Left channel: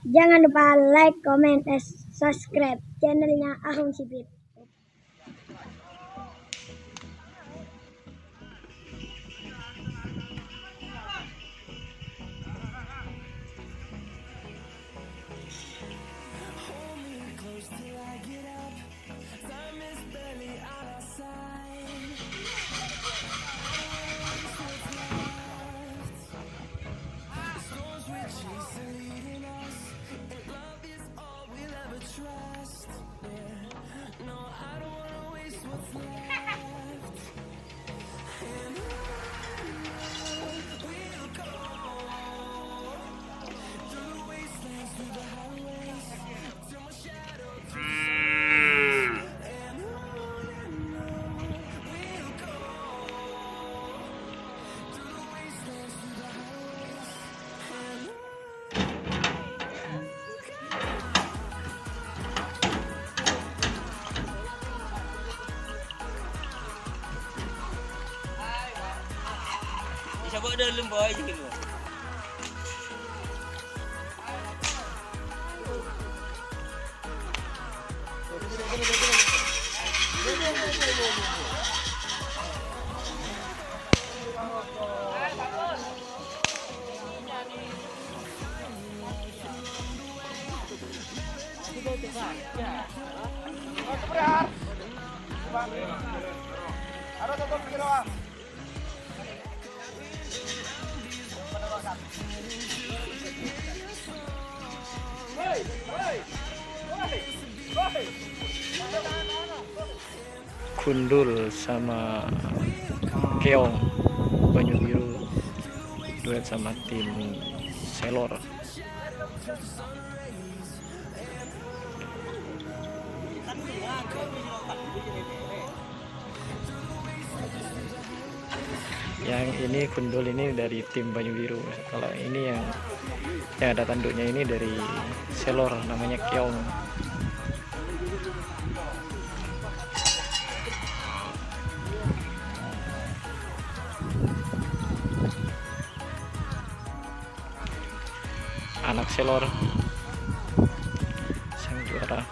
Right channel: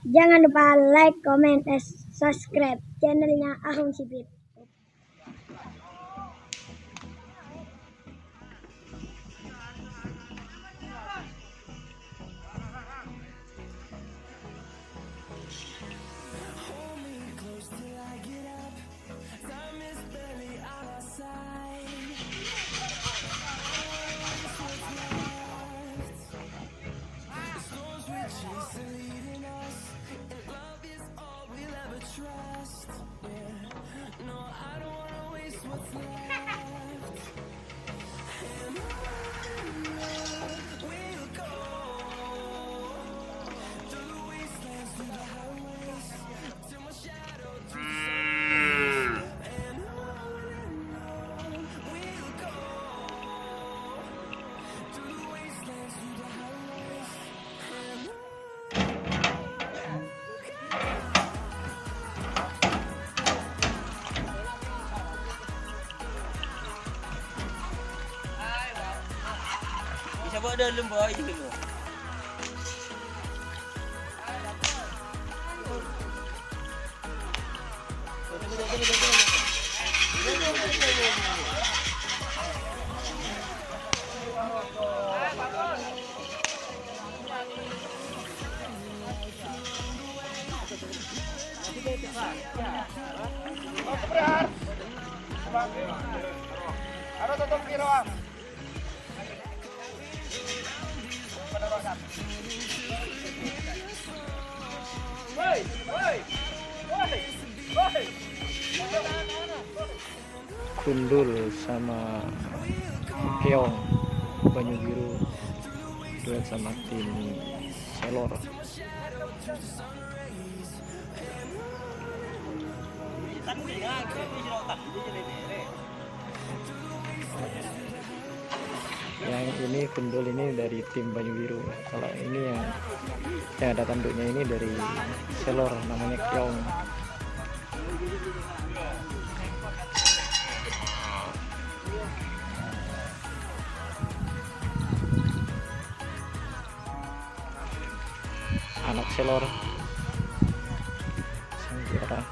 Jangan lupa like, comment, dan subscribe channelnya Ahung Sipit. Coba dalam boy gitu. Kundul sama Keong Banyu Biru duet sama tim Selor. Yang ini Kundul ini dari tim Banyu Biru. Kalau ini yang ada tanduknya ini dari Selor, namanya Keong. Anak Selor sang juara.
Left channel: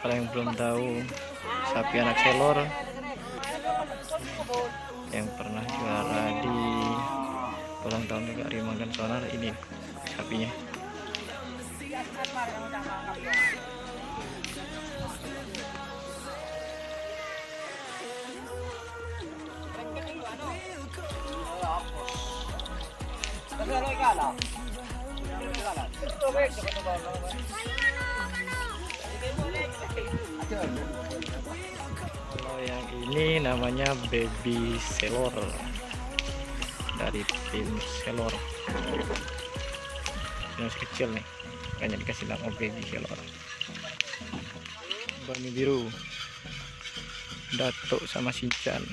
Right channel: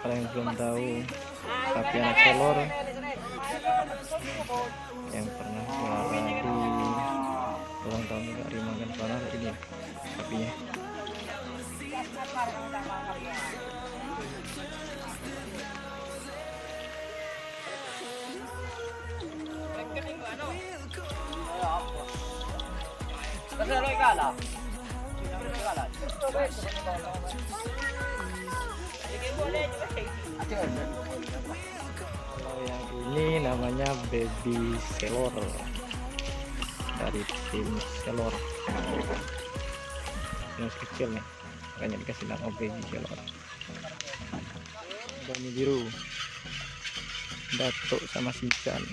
Kalau yang belum tahu, sapi anak Selor yang pernah juara di ulang tahun Negari Manggan Sonar, ini sapinya. Kalau yang ini namanya Baby Selor dari tim Selor. Ini masih kecil nih, makanya dikasih nama Baby Selor. Banyu Biru, Datuk sama Sinchan.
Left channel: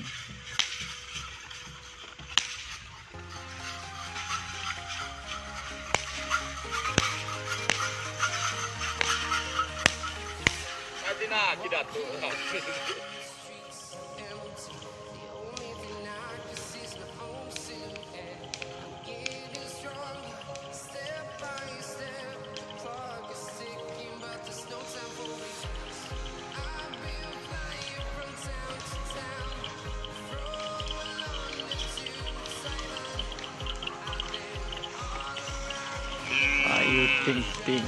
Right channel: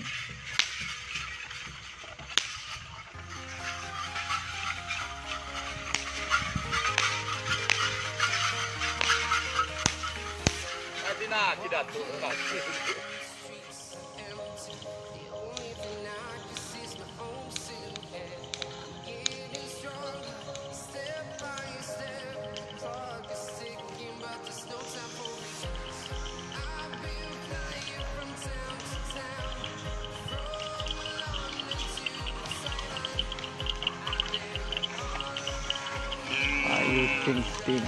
Ayu Ting Ting.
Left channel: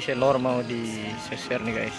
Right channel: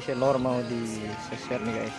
tapi Selor mau di share nih guys.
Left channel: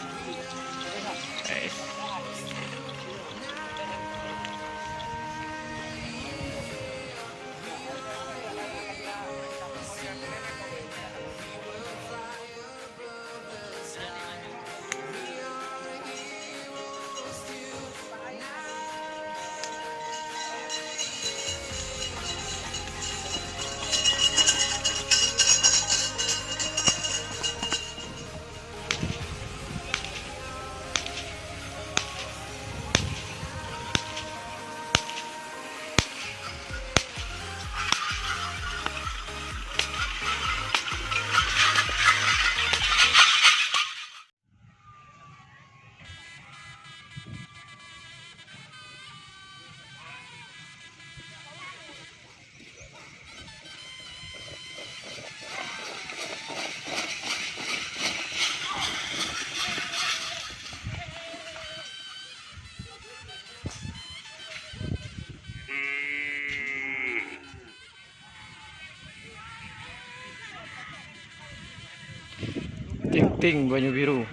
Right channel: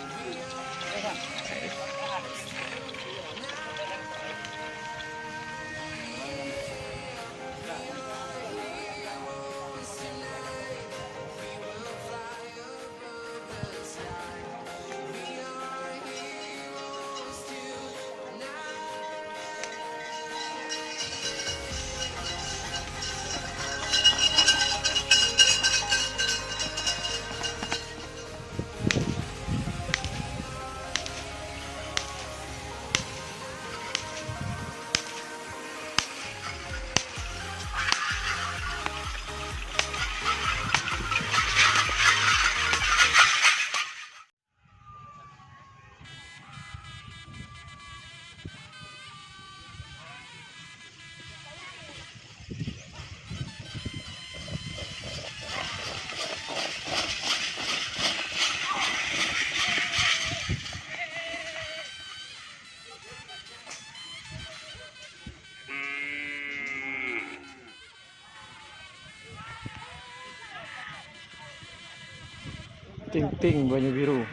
Ting ting banyu biru.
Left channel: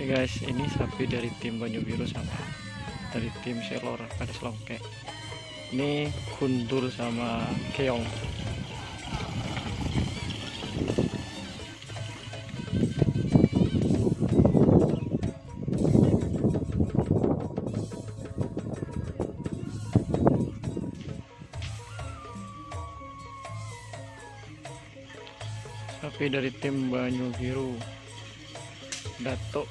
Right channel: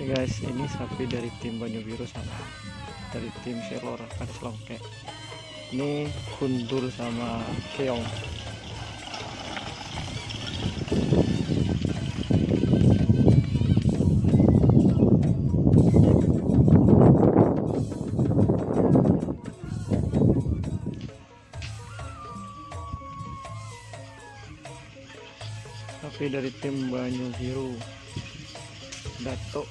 Oke guys, ini sapi dari tim Banyu Biru sama dari tim Selor ada selongke. Ini kundur sama keong. Sapi dari tim Banyu Biru, Dato.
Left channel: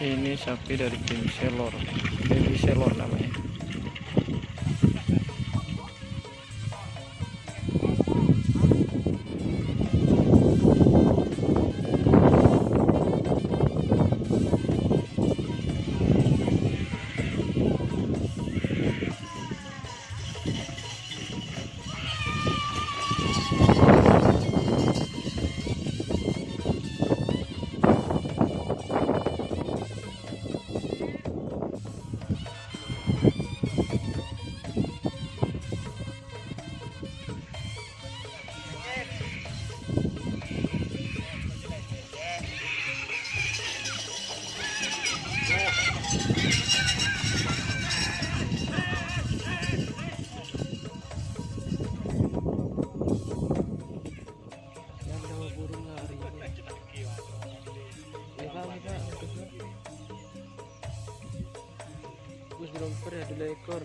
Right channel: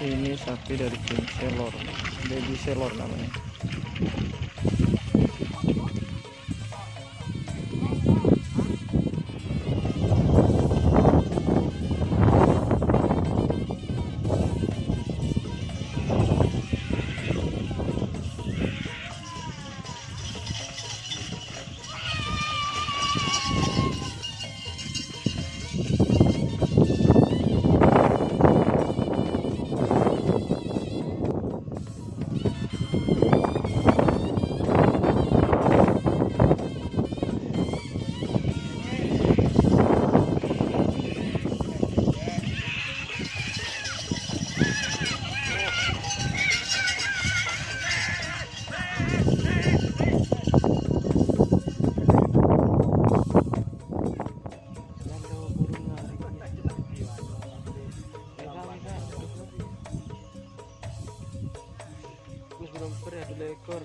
Ini sapi dari tim Selor, baby Selor namanya. Ada ekor.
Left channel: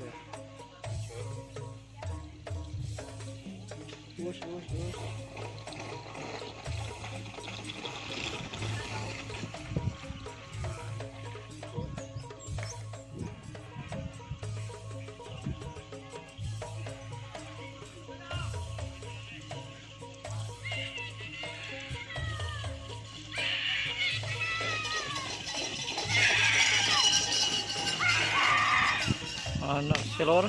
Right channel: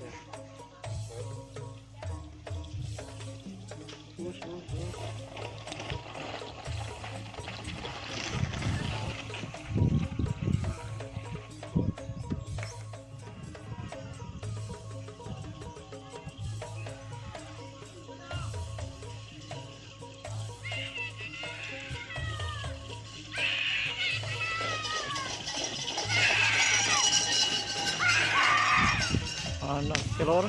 Anak Selor